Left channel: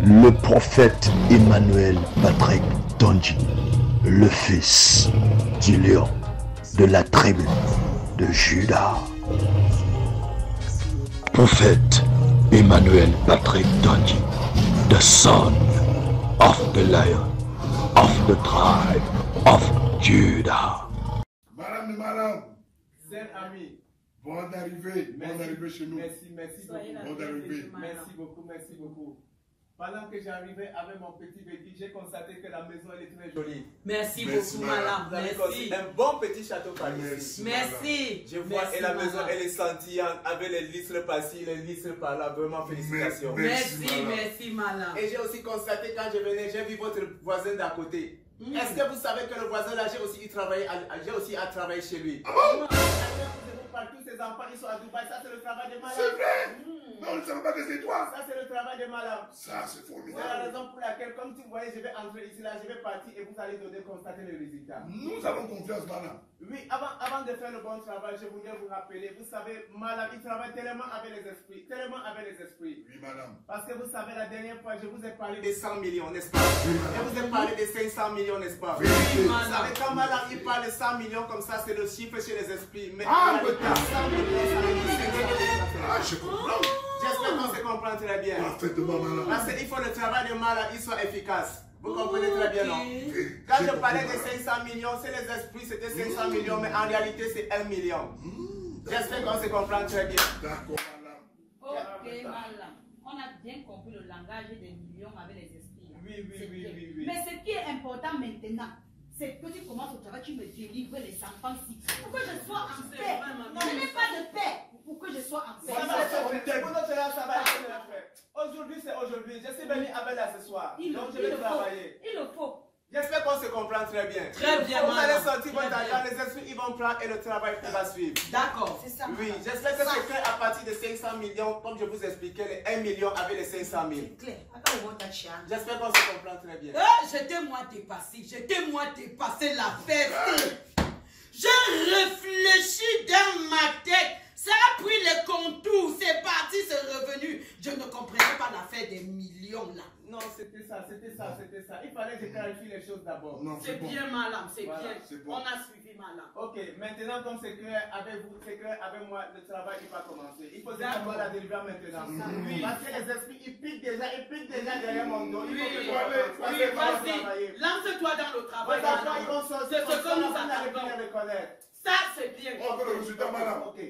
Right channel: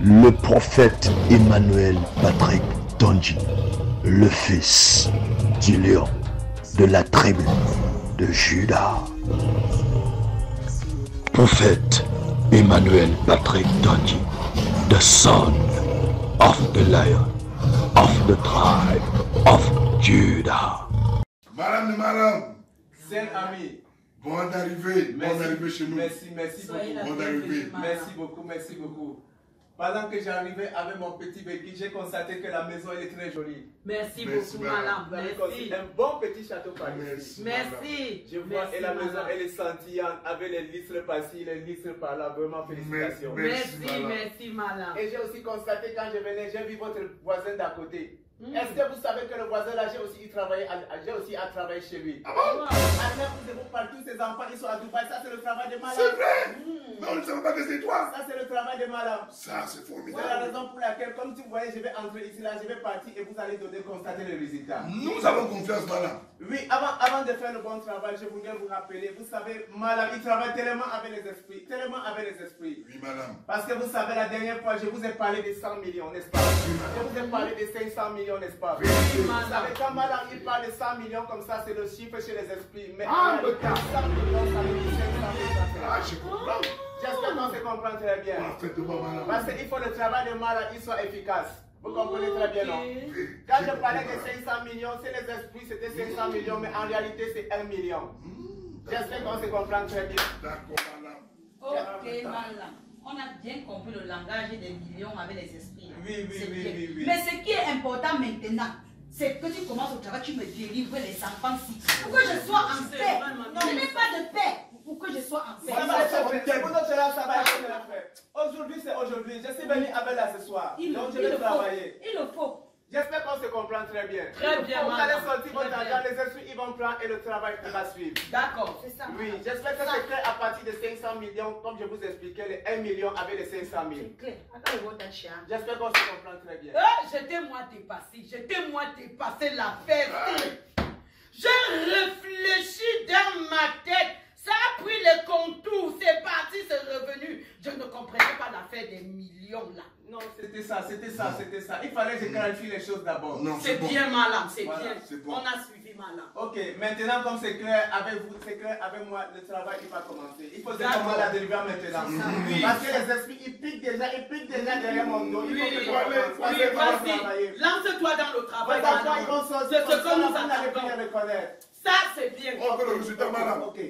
Le prophète Emmanuel Patrick Tondji, le fils du lion de la tribu de Juda. Prophète Emmanuel Patrick Tondji, the son of the lion of the tribe of Judah. Madame, Saint ami. Bonne arrivée chez nous. Merci beaucoup. Bonne arrivée. Merci beaucoup. Pendant que j'arrivais avec mon petit béquille, j'ai constaté que la maison elle est très jolie. Merci beaucoup, madame. Vous avez construit un bon petit château par ici. Merci. Je vois, et la maison elle est scintillante avec les listres par-ci, les listres par-là. Vraiment, félicitations. Merci, madame. Et j'ai aussi constaté quand je venais, j'ai vu votre voisin d'à côté. Est-ce que vous savez que le voisin là, j'ai aussi à travailler chez lui? Tous ces enfants, ils sont à Dubaï. Ça, c'est le travail de malade. C'est vrai. Mais on ne savait pas que c'est toi. Ça, c'est le travail de malade. Ça, c'est formidable. C'est la raison pour laquelle, comme tu voyais, je vais entrer ici, là, je vais partir et vous allez constater le résultat. Nous avons confiance, madame. Oui, avant de faire le bon travail, je voulais vous rappeler, vous savez, madame, il travaille tellement avec les esprits, Oui, madame. Parce que vous savez, la dernière fois, je vous ai parlé de 100 millions, n'est-ce pas? Oui, je vous ai parlé de 500 millions, n'est-ce pas? Oui, vous savez, quand madame, il parle de 100 millions comme ça, c'est le chiffre chez les esprits. Mais en réalité, 100 millions, ça veut dire 500 millions. Ah, je comprends. J'espère qu'on se comprend très bien. Parfaitement, madame. Parce qu'il faut le travail de malade, il soit efficace. Vous comprenez très bien, non? Quand je parlais de 500 millions, c'est les esprits, c'était 500 millions, mais en réalité, c'est 1 million. J'espère qu'on se comprend très bien. D'accord, madame. Ok, madame. On a bien compris le langage des millions avec les esprits. Oui. Mais ce qui est important maintenant, c'est que tu commences au travail, tu me délivres les enfants-ci. Pour que je sois en paix. Je n'ai pas de paix. Pour que je sois en paix. Ça va être fait. Aujourd'hui, c'est aujourd'hui. Je suis venu avec là ce soir. Donc, je vais travailler. Il le faut. J'espère qu'on se comprend très bien. Très bien, vous allez sortir votre argent, les esprits ils vont prendre et le travail va suivre. D'accord, c'est ça. Oui, j'espère que c'est clair à partir de 500 millions, comme je vous expliquais, les 1 million avec les 500 000. C'est clair. J'espère qu'on se comprend très bien. J'étais-moi dépassé la fête. J'ai réfléchi dans ma tête. Ça a pris les contours, c'est parti, c'est revenu. Je ne comprenais pas l'affaire des millions là. Non, c'était ça. Il fallait que je clarifie les choses d'abord. C'est bon. Bien, madame, c'est voilà, bien. Bon. On a suivi, madame. Ok, maintenant comme c'est clair avec vous, c'est clair avec moi, le travail il va commencer. Il faut commencer la délivrer maintenant. Oui. Parce que les esprits, ils piquent déjà derrière mon dos. Il faut que je vas-y, lance-toi dans le travail. C'est ce que nous allons reconnaître. Ça, c'est bien. On veut le résultat, madame. Ok.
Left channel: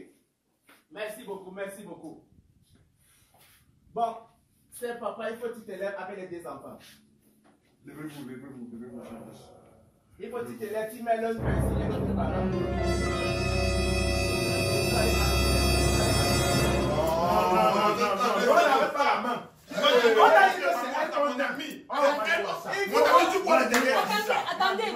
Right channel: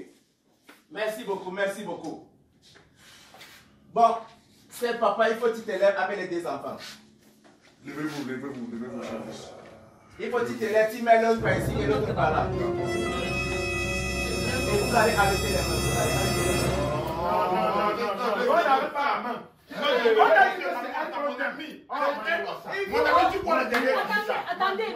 Merci beaucoup. Bon, c'est papa, il faut que tu te lèves avec les deux enfants. Levez-vous. Il faut que tu te lèves, tu mets l'autre par ici et l'autre par là. Et vous allez arrêter les mains. On n'arrête pas la main. On a dit que c'est ton ami. Mon ami, tu vois le dernier. Attendez,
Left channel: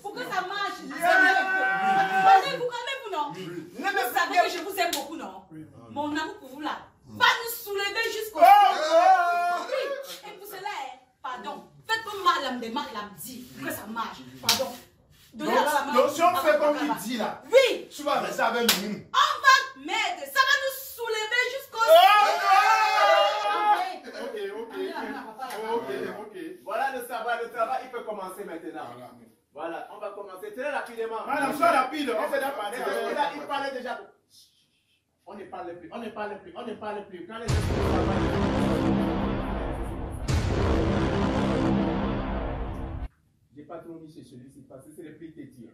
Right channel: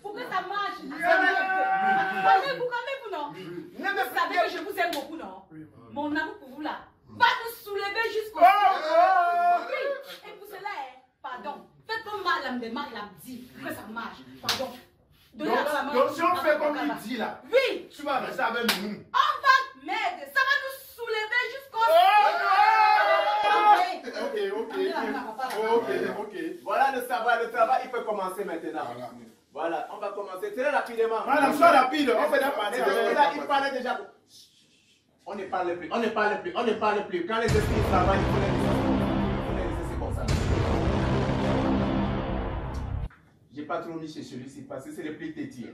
pour que ça marche. Vous calmez-vous, non? Vous savez que je vous aime beaucoup, non? Mon amour pour vous là va nous soulever jusqu'au oui. Et pour cela, pardon, faites comme madame dit que ça marche. Pardon. Donc si on fait comme il dit là, oui, tu vas rester avec nous. On va m'aider, ça va nous soulever jusqu'au Ok. Voilà le travail, il peut commencer maintenant. Voilà, on va commencer très rapidement. Madame, sois rapide, on fait la partie. Là, il parlait déjà. On ne parle plus. Quand les esprits travaillent, c'est comme ça. J'ai pas trop mis chez celui-ci parce que c'est le plus têtu.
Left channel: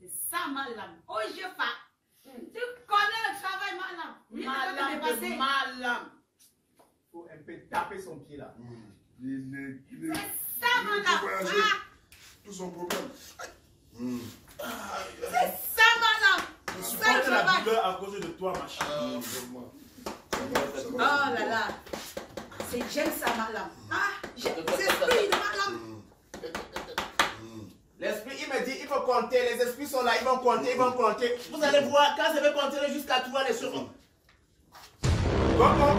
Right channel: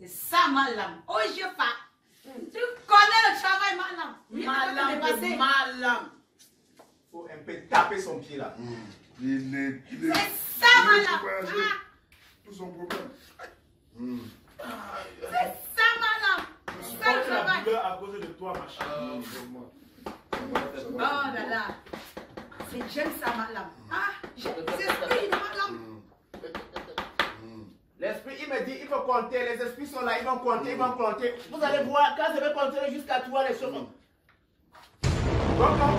C'est ça, madame. Oh, je pas. Tu connais le travail, madame. Madame. faut un peu taper son pied là. Il est C'est ça, madame. Tout son problème. C'est ça, madame. Je Ça, le porte la travail. douleur à cause de toi, ma chérie. Vraiment. Oh là là. J'aime ça, madame. Ah, c'est l'esprit de madame. L'esprit, il me dit, il faut compter. Les esprits sont là, ils vont compter, ils vont compter. Vous allez voir, quand je vais compter jusqu'à 3, les choses. Comment?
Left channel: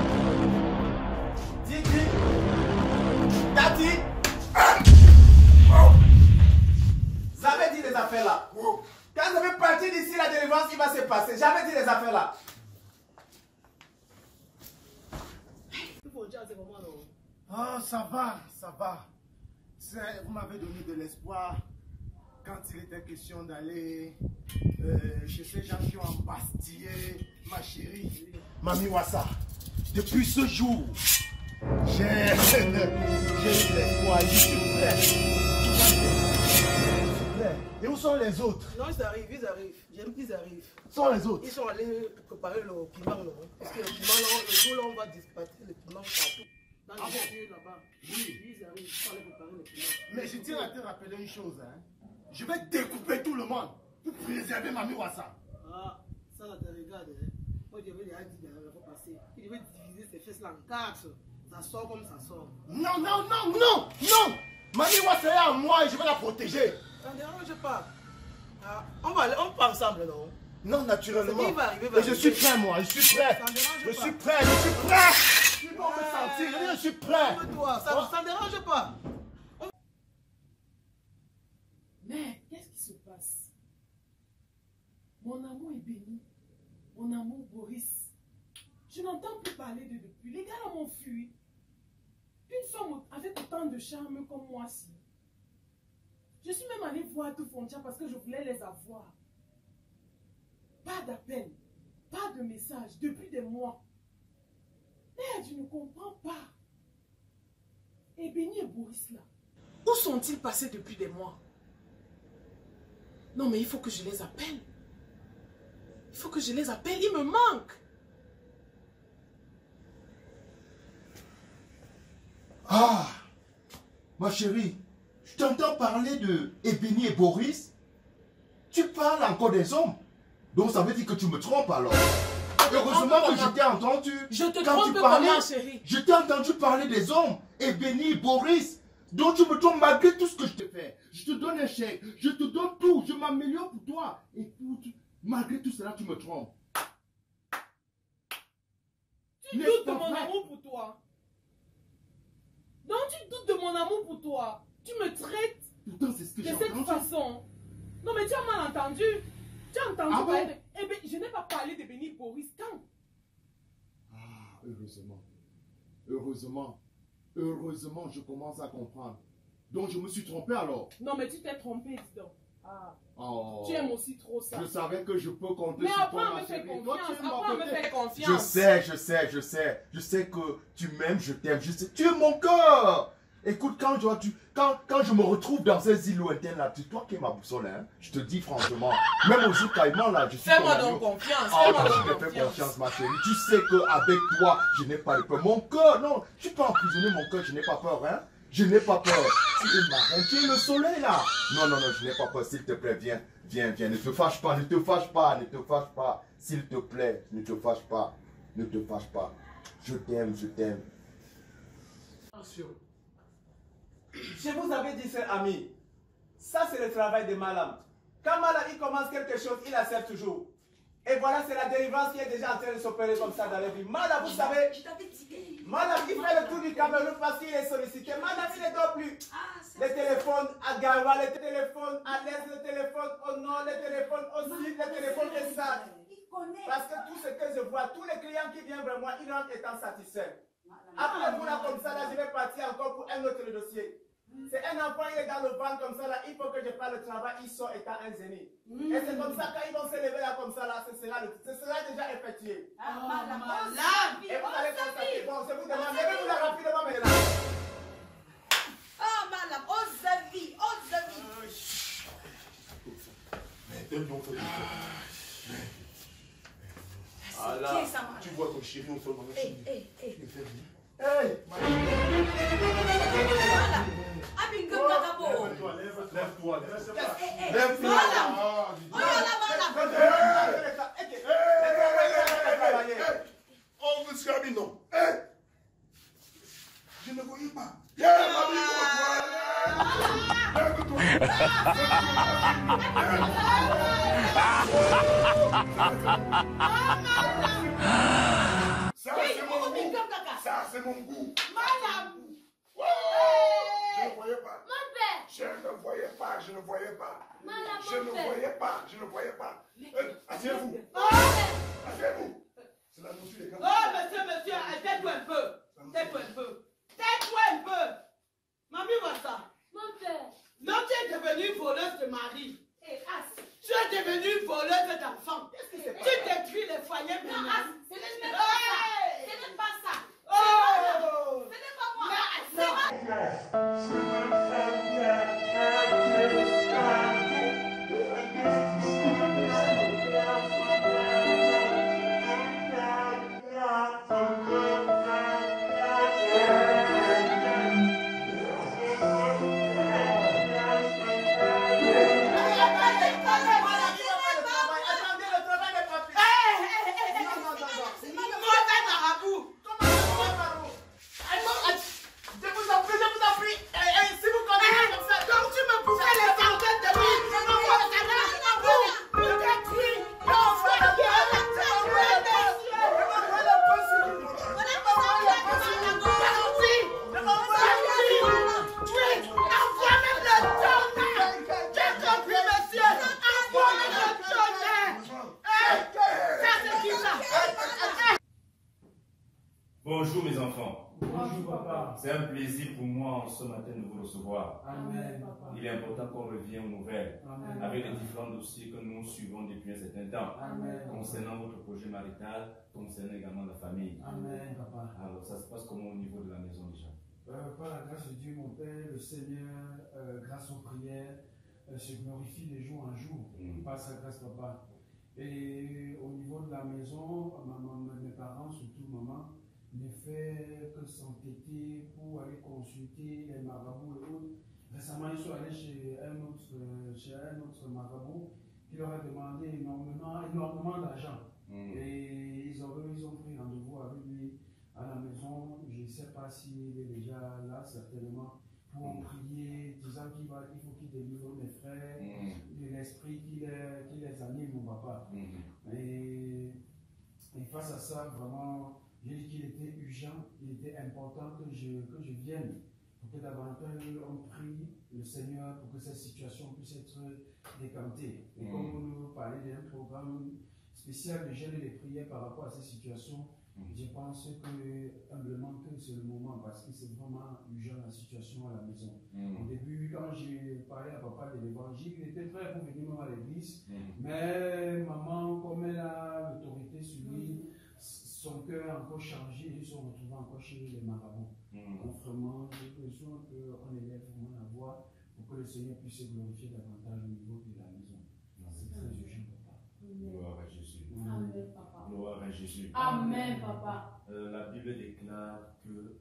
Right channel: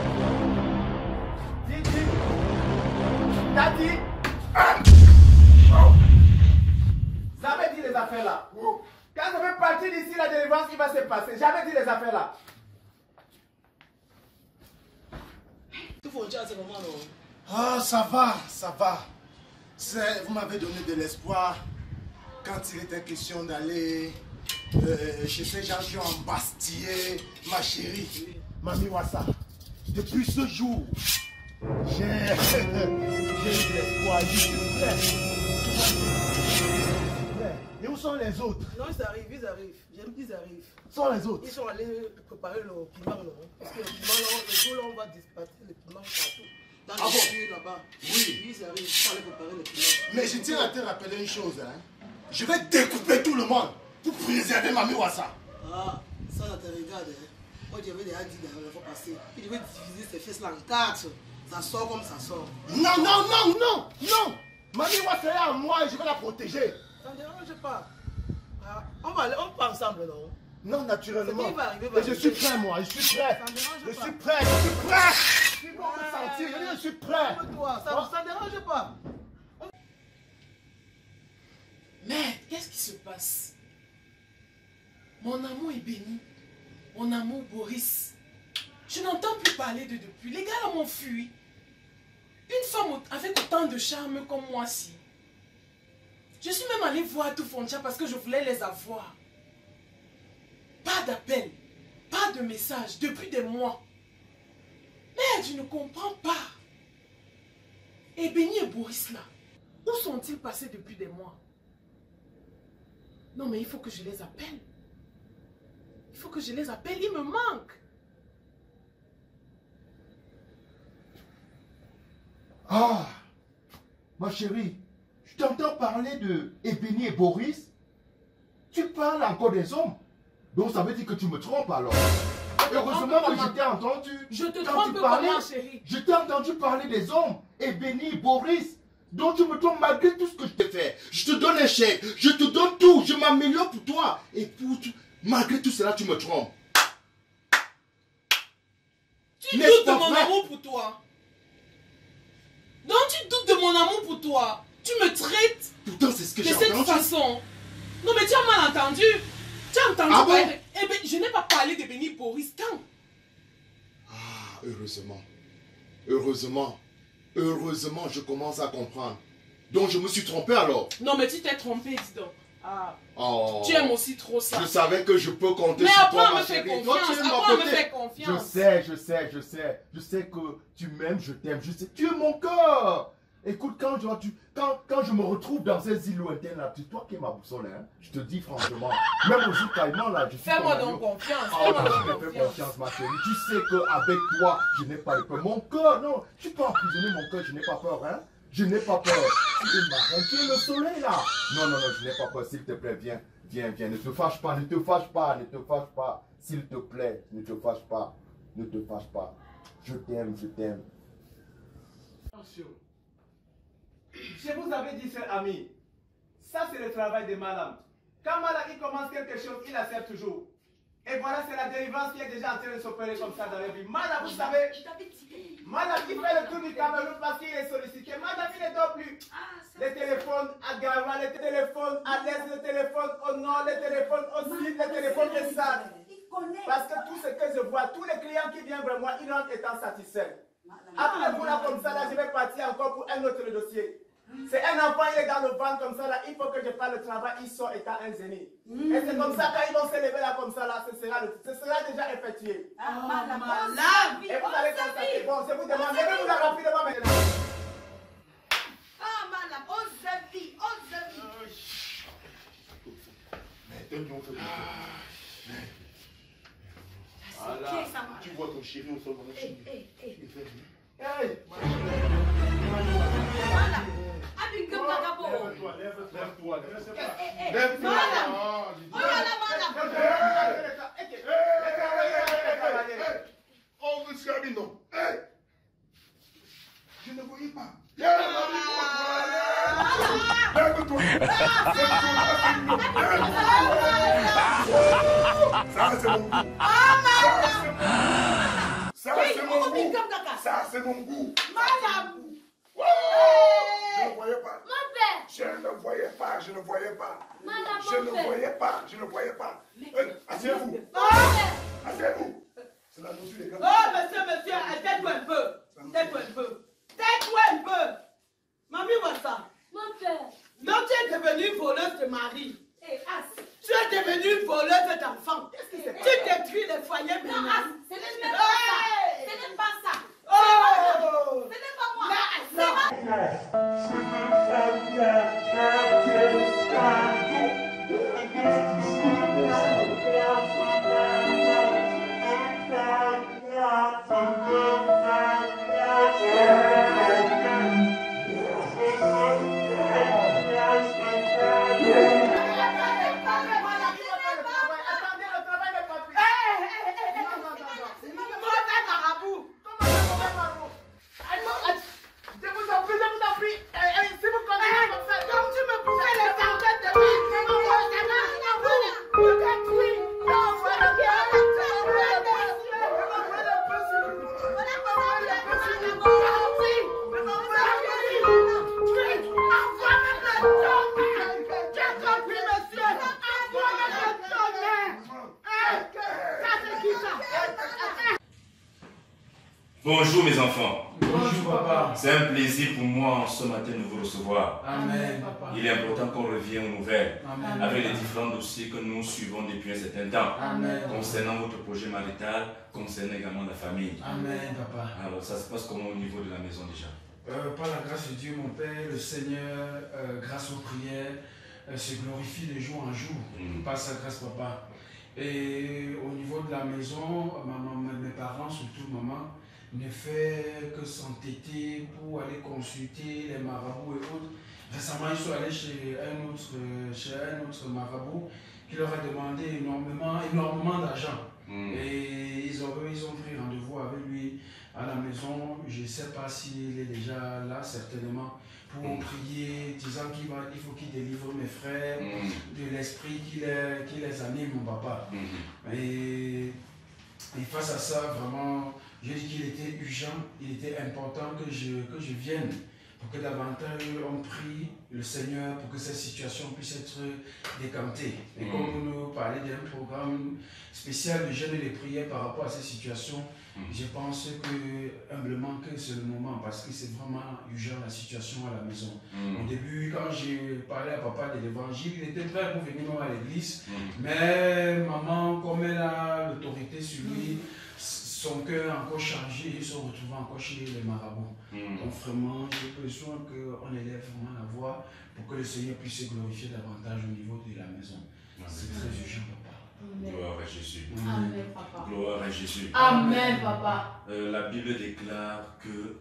Dis. T'as dit? J'avais dit les affaires là. Quand je vais partir d'ici, la délivrance, il va se passer. J'avais dit les affaires là. Ah, ça va, ça va. Vous m'avez donné de l'espoir quand il était question d'aller chez ces gens qui ont embastillé ma chérie, Mami Wassa. Depuis ce jour, j'ai eu de l'espoir. Je suis prêt. Je suis prêt. Et où sont les autres? Non, ils arrivent. J'aime qu'ils arrivent. Où sont les autres? Ils sont allés préparer le piment, non? Parce que le piment, le jour là, on va dispatcher le piment partout. Dans les lieux là-bas. Oui. Ils arrivent, ils sont allés préparer le piment. Mais je tiens à te rappeler une chose, hein. Je vais découper tout le monde pour préserver Mami Wassa. Ah, ça, ça te regarde, hein. Moi, j'avais déjà dit la fois passée qu'il devait diviser ces fesses là en 4. Ça sort comme ça sort. Non, non, non, non, non. Mami Wassa est à moi et je vais la protéger. Ça ne dérange pas. Ah, on va ensemble, non? Non, naturellement. Ce qui va arriver, Et je suis prêt, moi, je suis prêt. Ça ne dérange Je pas. suis prêt, je suis prêt. Ils vont me sentir, je suis prêt. Calme-toi, ça ne dérange pas. Mais qu'est-ce qui se passe? Mon amour est béni. Mon amour Boris. Je n'entends plus parler de depuis. Les gars là m'ont fui. Une femme avec autant de charme comme moi si. Je suis même allée voir tout Foncha parce que je voulais les avoir. Pas d'appel, pas de message depuis des mois. Mais je ne comprends pas. Et Béni et Boris là, où sont-ils passés depuis des mois? Non mais il faut que je les appelle. Il faut que je les appelle, ils me manquent. Ah, ma chérie, je t'entends parler de Ebeni et Boris. Tu parles encore des hommes. Donc ça veut dire que tu me trompes alors. Heureusement que je t'ai entendu. Je te quand trompe tu parlais, comment, chérie? Je t'ai entendu parler des hommes, Ebeni et Boris. Donc tu me trompes malgré tout ce que je t'ai fait. Je te donne un chèque, je te donne tout, je m'améliore pour toi. Et malgré tout cela, tu me trompes. Tu N'est-ce doutes de pas mon vrai? amour pour toi. Donc tu doutes de mon amour pour toi. Tu me traites Pourtant, c'est ce que de j'ai cette entendu. façon. Non mais tu as mal entendu. Tu as entendu Ah bon? parler de... Eh bien, je n'ai pas parlé de Béni Boris quand? Ah, heureusement. Heureusement. Heureusement, je commence à comprendre. Donc, je me suis trompé alors. Non mais tu t'es trompé, dis donc. Ah, Oh. tu aimes aussi trop ça. Je savais que je peux compter Mais sur après toi, on me ma fait chérie. Toi, confiance. tu es de mon Après on me côté. fait confiance. Je sais. Je sais que tu m'aimes, je t'aime. Je sais, tu es mon cœur. Écoute, quand je me retrouve dans ces îles lointaines là, c'est toi qui es ma boussole, hein. Je te dis franchement. Même au jour caïman là, je suis Fais-moi ton donc agneau. confiance. Ah, Fais-moi je donc me fais confiance. confiance, ma chérie. Tu sais qu'avec toi, je n'ai pas de peur. Mon cœur, non, je suis pas emprisonné, mon cœur, je n'ai pas peur, hein. Je n'ai pas peur. Tu es ma reine, tu es le soleil là. Non, je n'ai pas peur, s'il te plaît, viens. Ne te fâche pas, s'il te plaît, ne te fâche pas. Je t'aime. Je vous avais dit, cher ami, ça c'est le travail de Malam. Quand Malam il commence quelque chose, il accepte toujours. Et voilà, c'est la délivrance qui est déjà en train de s'opérer comme ça dans la vie. Malam, vous savez, Malam il fait le tour du Cameroun parce qu'il est sollicité. Malam il ne dort plus. Les téléphones à Gawa, les téléphones à l'Est, les téléphones au Nord, les téléphones au Sud, les téléphones de ça. Parce que tout ce que je vois, tous les clients qui viennent vers moi, ils rentrent étant satisfaits. Après vous là comme ça, là, je vais partir encore pour un autre dossier. C'est un enfant, il est dans le ventre comme ça, là, il faut que je fasse le travail, il sort étant un zénith. Et c'est comme ça, quand ils vont se lever là comme ça, là, ce sera déjà effectué. Et vous allez constater, bon, je vous demande, levez-vous là rapidement maintenant. Oh, madame, ose vie. Mais elle non fait C'est qui ça, madame? Tu vois ton chéri au sol, Hey. tu me fais rire. Hey, lève-toi. Lève-toi. Oh, monsieur Amino. Je ne voyais pas. Lève-toi. Ça, c'est mon goût. Ça, c'est mon goût. Je ne voyais pas. Je ne voyais pas. Je ne voyais pas. Je ne voyais pas. Je ne voyais pas. Asseyez-vous. Asseyez-vous. C'est la nourriture des gars. Oh, monsieur, tais-toi un peu. Tais-toi un peu. Tais-toi un peu. Mamie, vois ça. Mon père. Donc, tu es devenue voleuse de mari. Tu es devenue voleuse d'enfants. Tu détruis les foyers maintenant. Ce n'est pas ça. Ce n'est pas ça. Oh! Ce n'est pas moi. Bonjour mes enfants. Bonjour papa. C'est un plaisir pour moi ce matin de vous recevoir. Amen papa. Il est important qu'on revienne aux nouvelles Amen. avec les différents dossiers que nous suivons depuis un certain temps. Amen. Concernant votre projet marital, concernant également la famille. Amen papa. Alors ça se passe comment au niveau de la maison déjà? Par la grâce de Dieu mon Père, le Seigneur, grâce aux prières, se glorifie de jour en jour. Par sa grâce papa. Et au niveau de la maison, mes parents, surtout maman, ne fait que s'entêter pour aller consulter les marabouts et autres. Récemment, ils sont allés chez un autre marabout qui leur a demandé énormément d'argent. Et ils ont pris rendez-vous avec lui à la maison. Je ne sais pas s'il est déjà là, certainement, pour prier, disant qu'il faut qu'il délivre mes frères de l'esprit qui les anime, mon papa. Et face à ça, vraiment, j'ai dit qu'il était urgent, il était important que je vienne pour que davantage on prie le Seigneur pour que cette situation puisse être décantée. Et comme vous nous parlez d'un programme spécial de jeûne et de prière par rapport à cette situation, je pense que humblement que c'est le moment parce que c'est vraiment urgent la situation à la maison. Au début, quand j'ai parlé à papa de l'évangile, il était prêt pour venir à l'église, mais maman, comme elle a l'autorité sur lui, son cœur encore chargé, ils sont retrouvés encore chez les marabouts. Donc vraiment, j'ai besoin qu'on élève vraiment la voix pour que le Seigneur puisse se glorifier davantage au niveau de la maison. C'est très urgent, papa. Gloire à Jésus. Amen, papa. Gloire à Jésus. Amen, papa. La Bible déclare que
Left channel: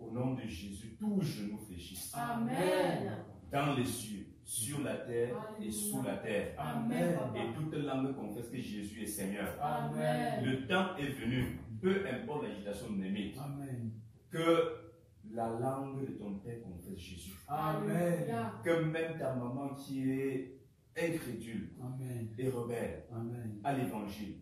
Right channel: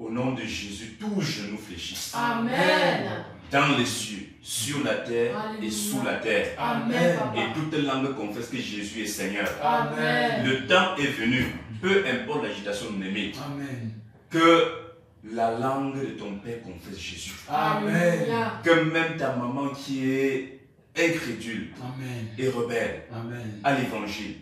au nom de Jésus, tous genoux fléchissent. Amen. Dans les cieux, sur la terre et sous la terre. Amen, papa. Et toute langue confesse que Jésus est Seigneur. Amen. Le temps est venu, peu importe l'agitation de l'ennemi, Amen. que la langue de ton Père confesse Jésus. Amen. Que même ta maman qui est incrédule et rebelle à l'évangile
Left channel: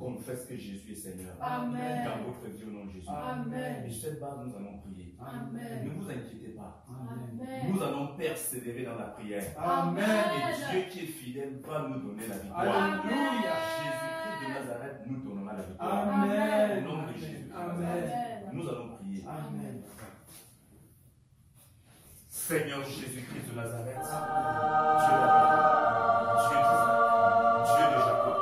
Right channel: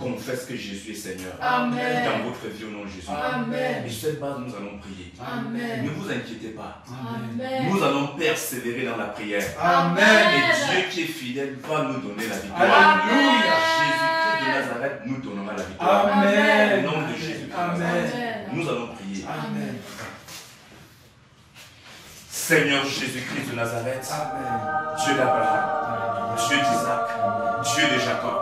confesse que Jésus est Seigneur. Amen. Dans votre vie au nom de Jésus. Amen. Et sur cette base, nous allons prier. Amen. Ne vous inquiétez pas. Amen. Nous allons persévérer dans la prière. Amen. Et Dieu qui est fidèle va nous donner la victoire. Alléluia. Jésus-Christ de Nazareth nous donnera la victoire. Amen. Au nom de Jésus. Amen. Nous allons prier. Amen. Seigneur Jésus-Christ de Nazareth, Dieu d'Abraham, Dieu d'Isaac, Dieu de Jacob.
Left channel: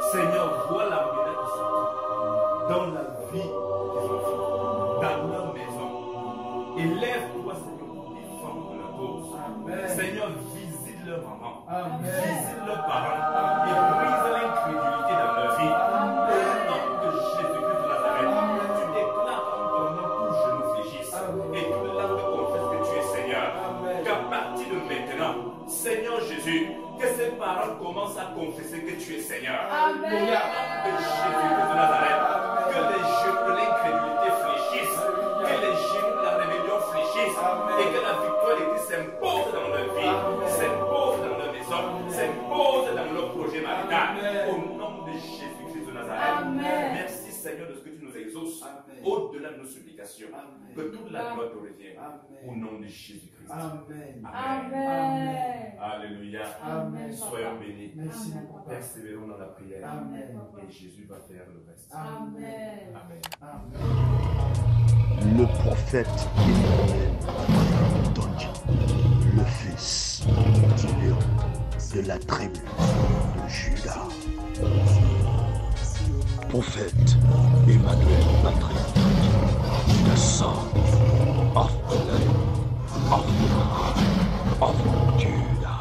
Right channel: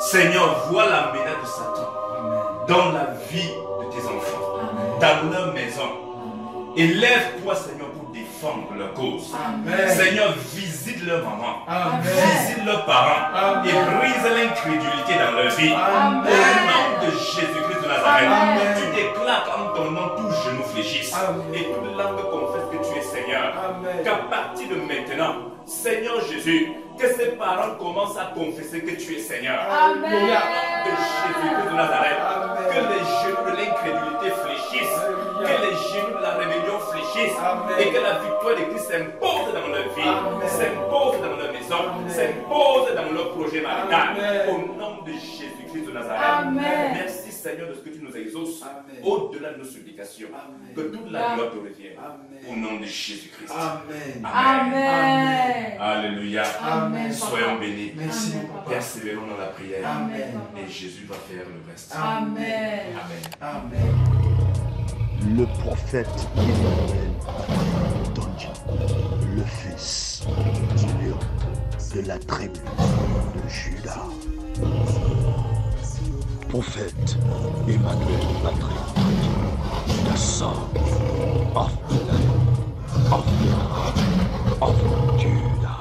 Seigneur, vois la médaille de Satan dans la vie de tes enfants, dans leur maison. Élève-toi, Seigneur, pour défendre leur cause. Seigneur, visite leur maman, visite leurs parents et brise l'incrédulité dans leur vie. Au nom de Jésus-Christ de Nazareth, tu déclares Et toute langue confesse que tu es Seigneur. Qu'à partir de maintenant, Seigneur Jésus, que ses parents commencent à confesser que tu es Seigneur. Au nom de Jésus de Nazareth, que les genoux de l'incrédulité fléchissent, que les genoux de la rébellion fléchissent, et que la victoire de Christ s'impose dans leur vie, s'impose dans leur maison, s'impose dans leur projet marital. Au nom de Jésus-Christ de Nazareth. Merci Seigneur de ce que tu nous exauces au-delà de nos supplications. Que toute la gloire te revienne. Au nom de Jésus-Christ. Amen. Alléluia. Amen. Soyons bénis. Merci. Persévérons dans la prière. Amen. Et Jésus va faire le reste. Amen. Amen. Le prophète Emmanuel Patrick Donji, le fils du lion de la tribu de Juda. Prophète Emmanuel Patrick Donji, the son of the lion of the tribe of Judah.